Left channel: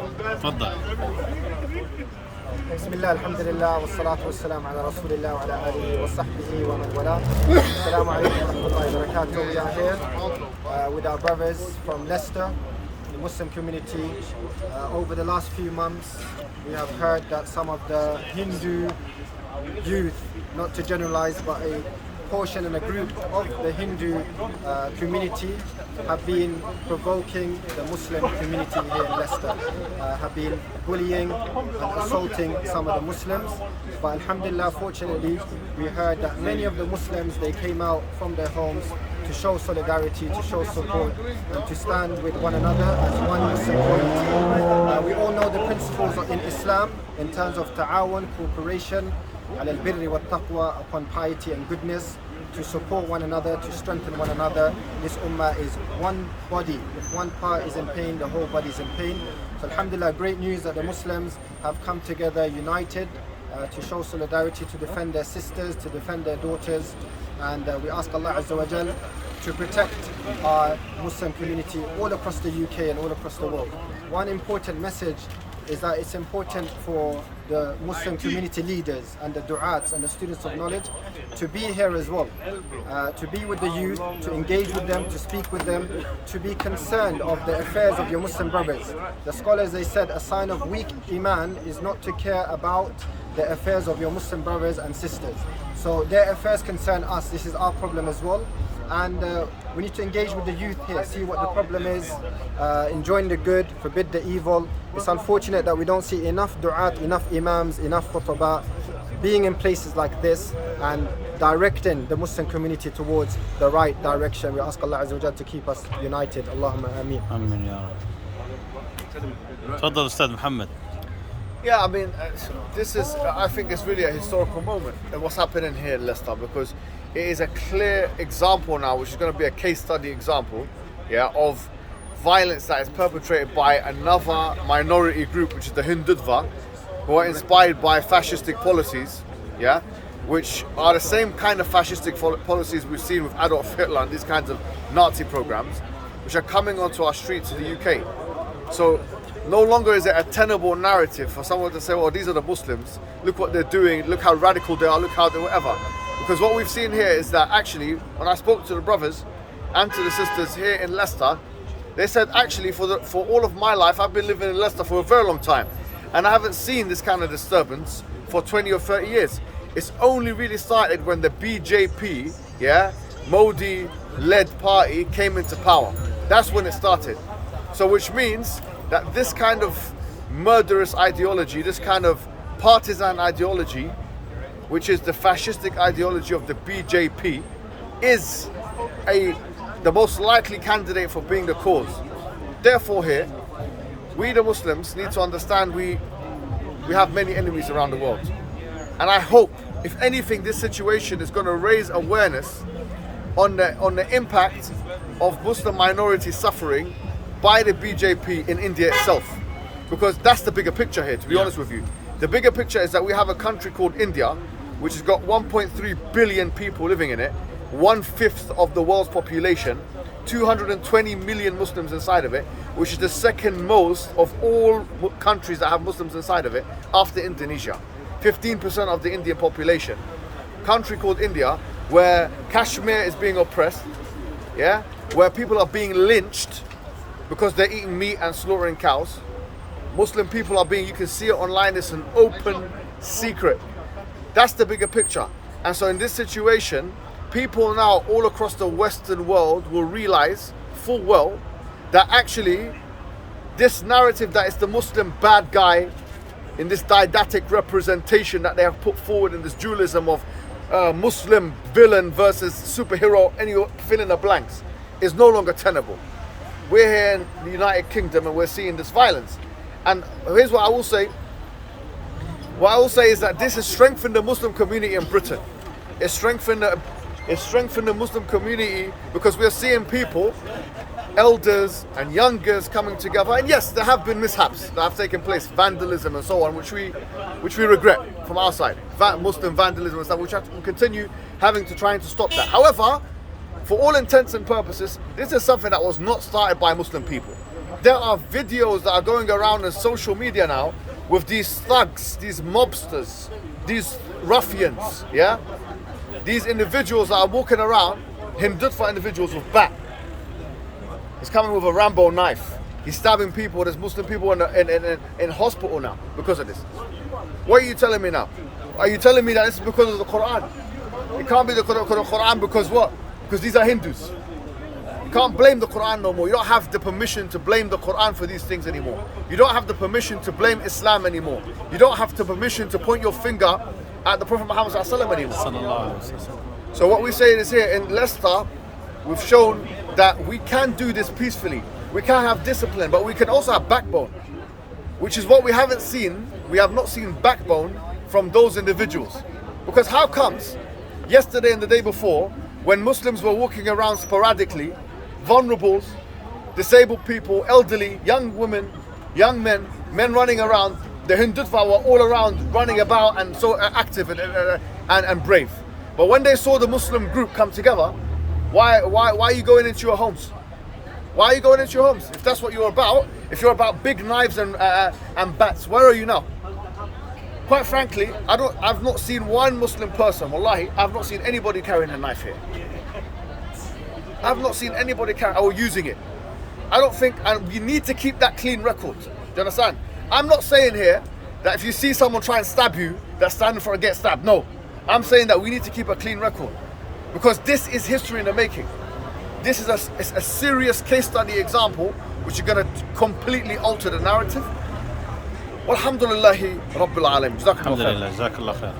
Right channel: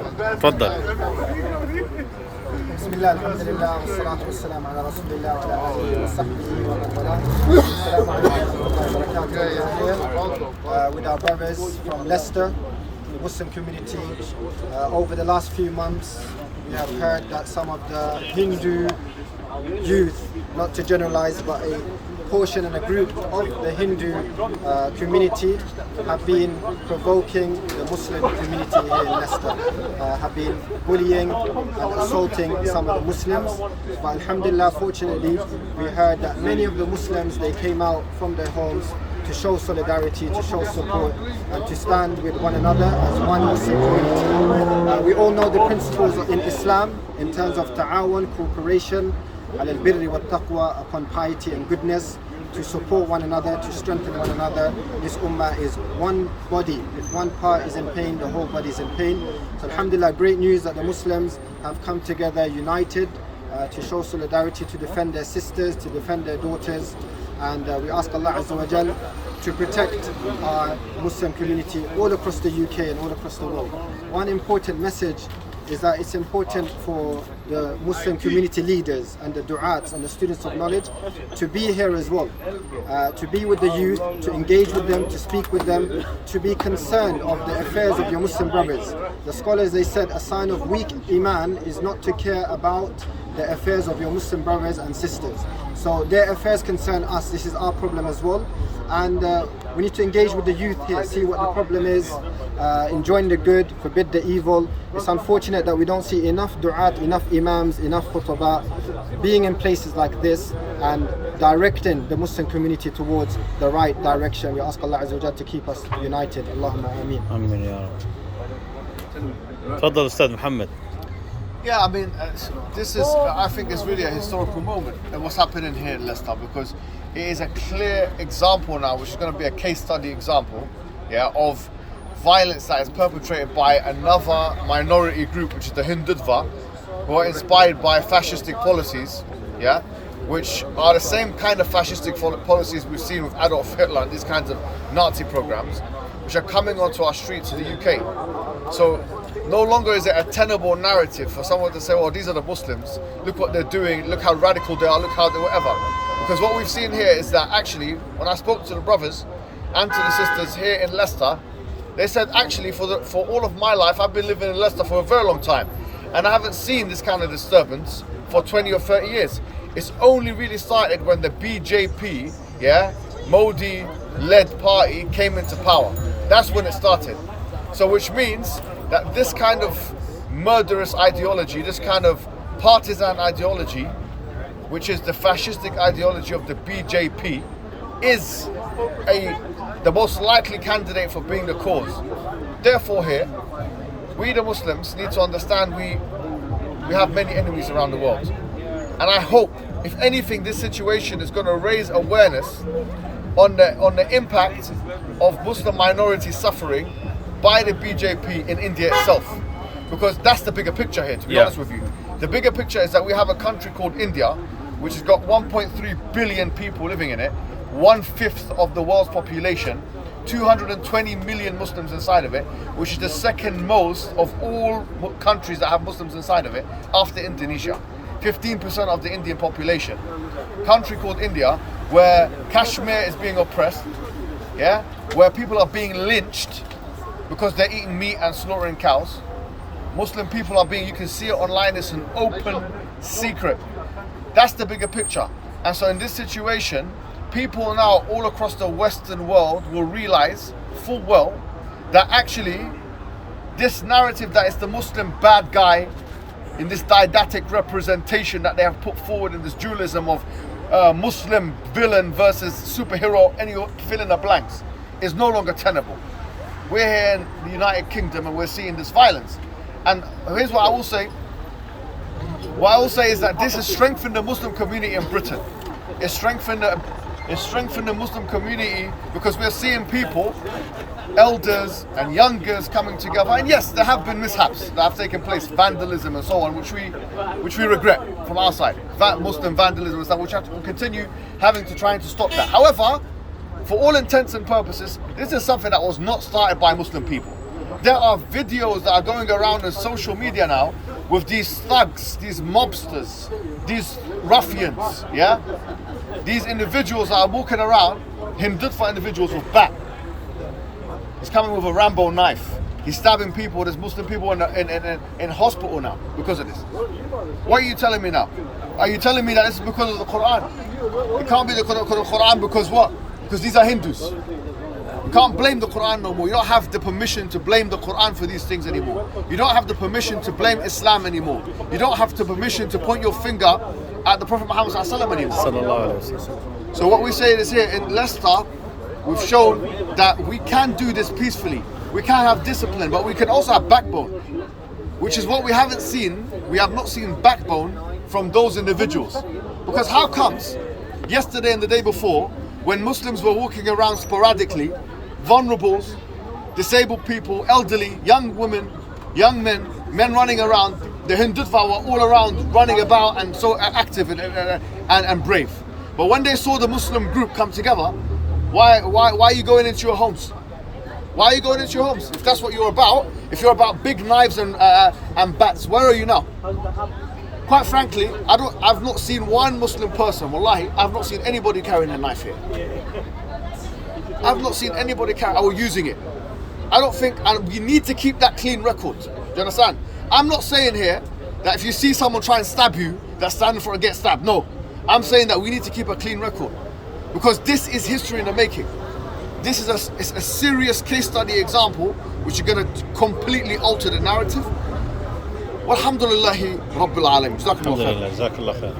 تفضل. بسم الله الحمد لله والصلاة والسلام على رسول الله وعلى آله وصحبه ومن والاه. السلام عليكم ورحمة الله وبركاته. We are here with our brothers from Leicester, the Muslim community. Over the last few months, we have heard that some of the Hindu youth, not to generalize, but a portion and a group of the Hindu community have been provoking the Muslim community here in Leicester, have been bullying and assaulting some of the Muslims. But alhamdulillah, fortunately, we heard that many of the Muslims, they came out from their homes to show solidarity, to show support, and to stand with one another as one Muslim community. We all know the principles in Islam in terms of ta'awun, cooperation, على البر والتقوى, upon piety and goodness, to support one another, to strengthen one another. This ummah is one body. If one part is in pain, the whole body is in pain. So alhamdulillah, great news that the Muslims have come together united to show solidarity, to defend their sisters, to defend their daughters. And we ask Allah Azza wa Jal to protect our Muslim community all across the UK and all across the world. One important message is that it's important for the Muslim community leaders and the du'ats and the students of knowledge to be here as well, to be with the youth, to engage with them, to speak with them, to be concerned of the affairs of your Muslim brothers. The scholars, they said a sign of weak iman is not to care about the affairs of your Muslim brothers and sisters. So their affairs concern us. This is our problem as well. And we need to engage with the youth here, see what the problem is, enjoin the good, forbid the evil. It's unfortunate that we don't see enough du'at, enough imams, enough khutbah being in places like this and directing the Muslim community towards the right direction. We ask Allah Azza wa Jalla to keep us united. Allahumma ameen. Ameen ya Rab. تفضل أستاذ محمد. Yeah, I mean, this is, I think it's really a historical moment and what's happening here in Leicester, because it is a clear example now, which is going to be a case study example, yeah, of violence that is perpetrated by another minority group, which is the Hindutva, who are inspired by fascistic policies, yeah, which are the same kind of fascistic policies we've seen with Adolf Hitler and these kinds of Nazi programs, which are coming onto our streets in the UK. So no longer is it a tenable narrative for someone to say, well, these are the Muslims, look what they're doing, look how radical they are, look how they whatever. Because what we've seen here is that actually, when I spoke to the brothers and to the sisters here in Leicester, they said actually for all of my life, I've been living in Leicester for a very long time, and I haven't seen this kind of disturbance for 20 or 30 years. It's only really started when the BJP, yeah, Modi-led party came into power. That's when it started. So which means that this kind of murderous ideology, this kind of partisan ideology, which is the fascistic ideology of the BJP, is the most likely candidate for being the cause. Therefore here, we the Muslims need to understand we have many enemies around the world. And I hope, if anything, this situation is going to raise awareness on the impact of Muslim minority suffering by the BJP in India itself. Because that's the bigger picture here, to be honest with you. The bigger picture is that we have a country called India, which has got 1.3 billion people living in it, 1/5 of the world's population, 220 million Muslims inside of it, which is the second most of all countries that have Muslims inside of it, after Indonesia. 15% of the Indian population. Country called India, where Kashmir is being oppressed, yeah, where people are being lynched because they're eating meat and slaughtering cows. Muslim people are being, you can see it online, it's an open secret. That's the bigger picture. And so in this situation, people now all across the Western world will realize full well that actually this narrative that is the Muslim bad guy in this didactic representation that they have put forward in this dualism of Muslim villain versus superhero, and you fill in the blanks, is no longer tenable. We're here in the United Kingdom and we're seeing this violence. And here's what I will say. What I will say is that this has strengthened the Muslim community in Britain. It's strengthened the Muslim community because we're seeing people, elders and youngers coming together. And yes, there have been mishaps that have taken place, vandalism and so on, which we regret from our side. Muslim vandalism and stuff, which will continue having to trying to stop that. However, for all intents and purposes, this is something that was not started by Muslim people. There are videos that are going around on social media now with these thugs, these mobsters, these ruffians, yeah? These individuals that are walking around, Hindutva individuals with bat. He's coming with a Rambo knife. He's stabbing people. There's Muslim people in hospital now because of this. What are you telling me now? Are you telling me that this is because of the Quran? It can't be because of the Quran because what? Because these are Hindus. You can't blame the Quran no more. You don't have the permission to blame the Quran for these things anymore. You don't have the permission to blame Islam anymore. You don't have the permission to point your finger at the Prophet Muhammad anymore. So what we're saying is here in Leicester, we've shown that we can do this peacefully. We can have discipline, but we can also have backbone, which is what we haven't seen. We have not seen backbone from those individuals. Because how comes yesterday and the day before, when Muslims were walking around sporadically, vulnerables, disabled people, elderly, young women, young men, men running around, the Hindutva were all around running about and so active and brave. But when they saw the Muslim group come together, why are you going into your homes? Why are you going into your homes? If that's what you're about, if you're about big knives and bats, where are you now? Quite frankly, I've not seen one Muslim person, wallahi, I've not seen anybody carrying a knife here. I've not seen anybody or using it. I don't think, and you need to keep that clean record. Do you understand? I'm not saying here that if you see someone try and stab you, they're standing for a get stabbed. No. I'm saying that we need to keep a clean record. Because this is history in the making. This is a serious case study example which is going to completely alter the narrative. Walhamdulillahi Rabbil Alameen. Alhamdulillah, jazakallah khair.